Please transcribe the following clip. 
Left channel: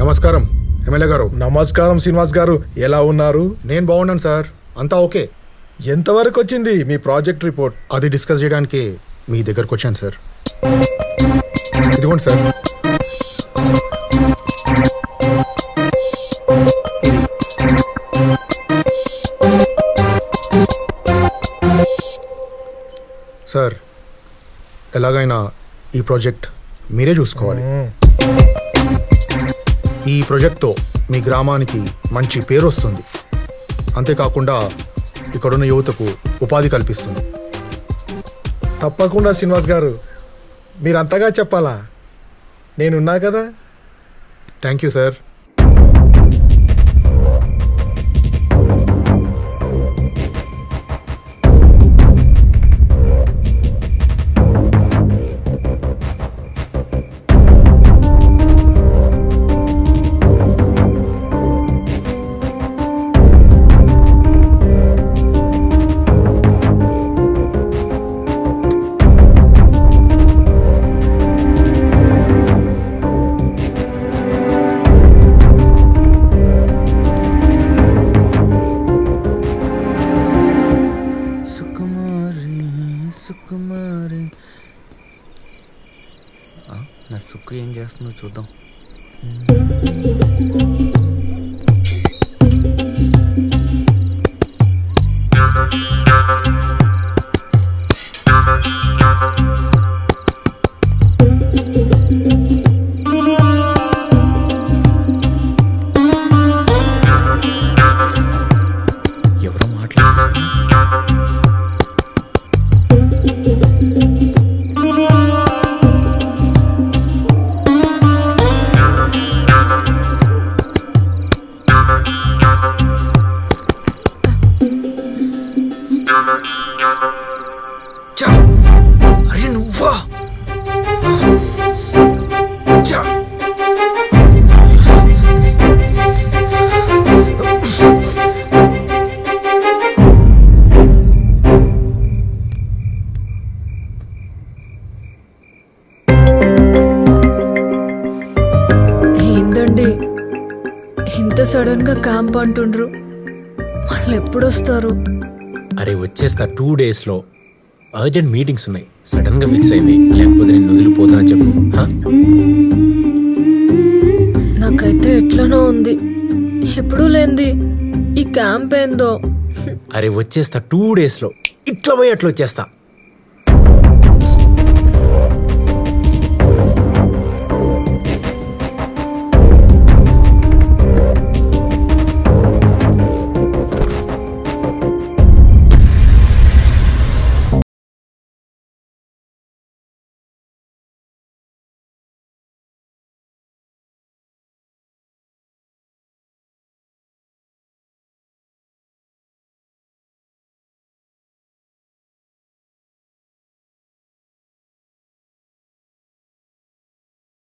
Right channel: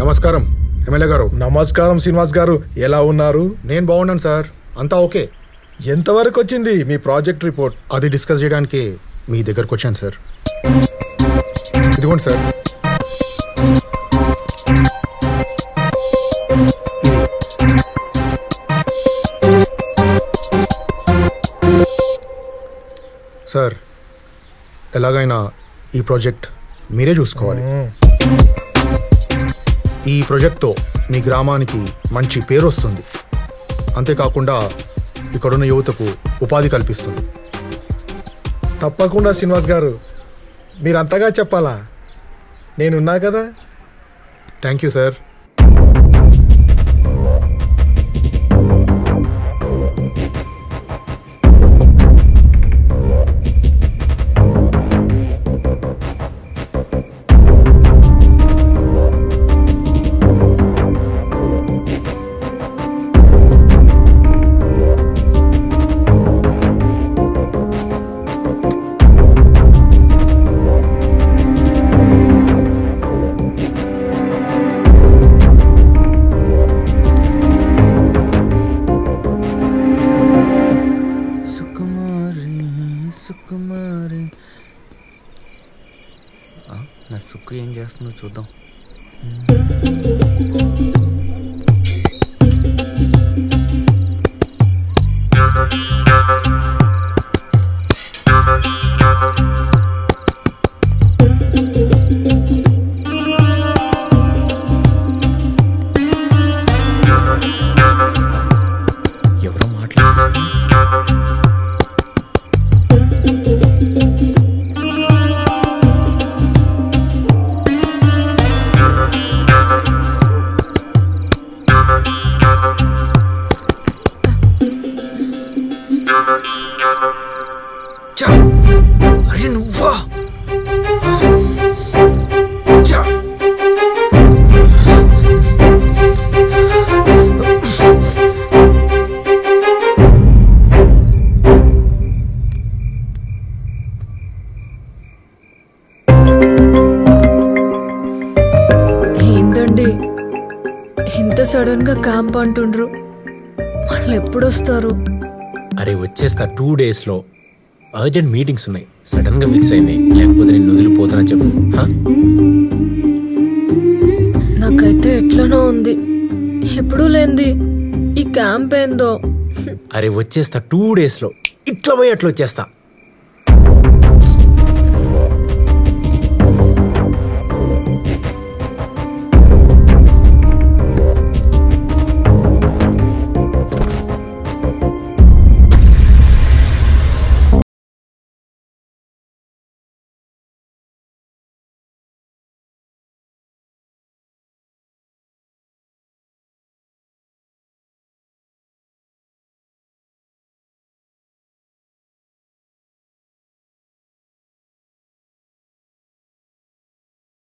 నమస్కారం ఎమ్మెల్యే గారు. నమస్కారం శ్రీనివాస్ గారు, ఎలా ఉన్నారు? నేను బాగున్నాను సార్, అంతా ఓకే. ఎంతవరకు వచ్చింది మీ ప్రాజెక్ట్ రిపోర్ట్? అది డిస్కస్ చేయడానికి మీ దగ్గరకు వచ్చాను సార్. ఇదిగోండి సార్, ఇది సార్, ఎలాగైనా ఈ ప్రాజెక్ట్ మీరే చూసుకోవాలి. ఈ ప్రాజెక్ట్తో మీ గ్రామానికి మంచి పేరు వస్తుంది, అంతేకాకుండా ఇక్కడున్న యువతకు ఉపాధి కల్పిస్తుంది. తప్పకుండా శ్రీనివాస్ గారు, మీరంతగా చెప్పాలా? నేనున్నా కదా. Thank you sir. నా సుక్కు ఏం చేస్తుందో చూద్దాం. ఎవరో మాట్లాడుతున్నా. అరే నువ్వా? ఏందండి ఇంత సడన్ గా క్యాంప్ అంటుండ్రు? వాళ్ళు ఎప్పుడొస్తారు? అరే వచ్చేస్తా 2 days లో. అర్జెంట్ మీటింగ్స్ ఉన్నాయి, సడన్ గా ఫిక్స్ అయింది, లేకపోతే నేను వదిలిపోతానా చెప్పు. నాకైతే ఎట్లనో ఉంది, ఎప్పుడూ లేంది ఈ క్యాంప్ ఏందో. అరే వచ్చేస్తా 2 days లో, ఇట్లా పోయి అట్లా వచ్చేస్తా.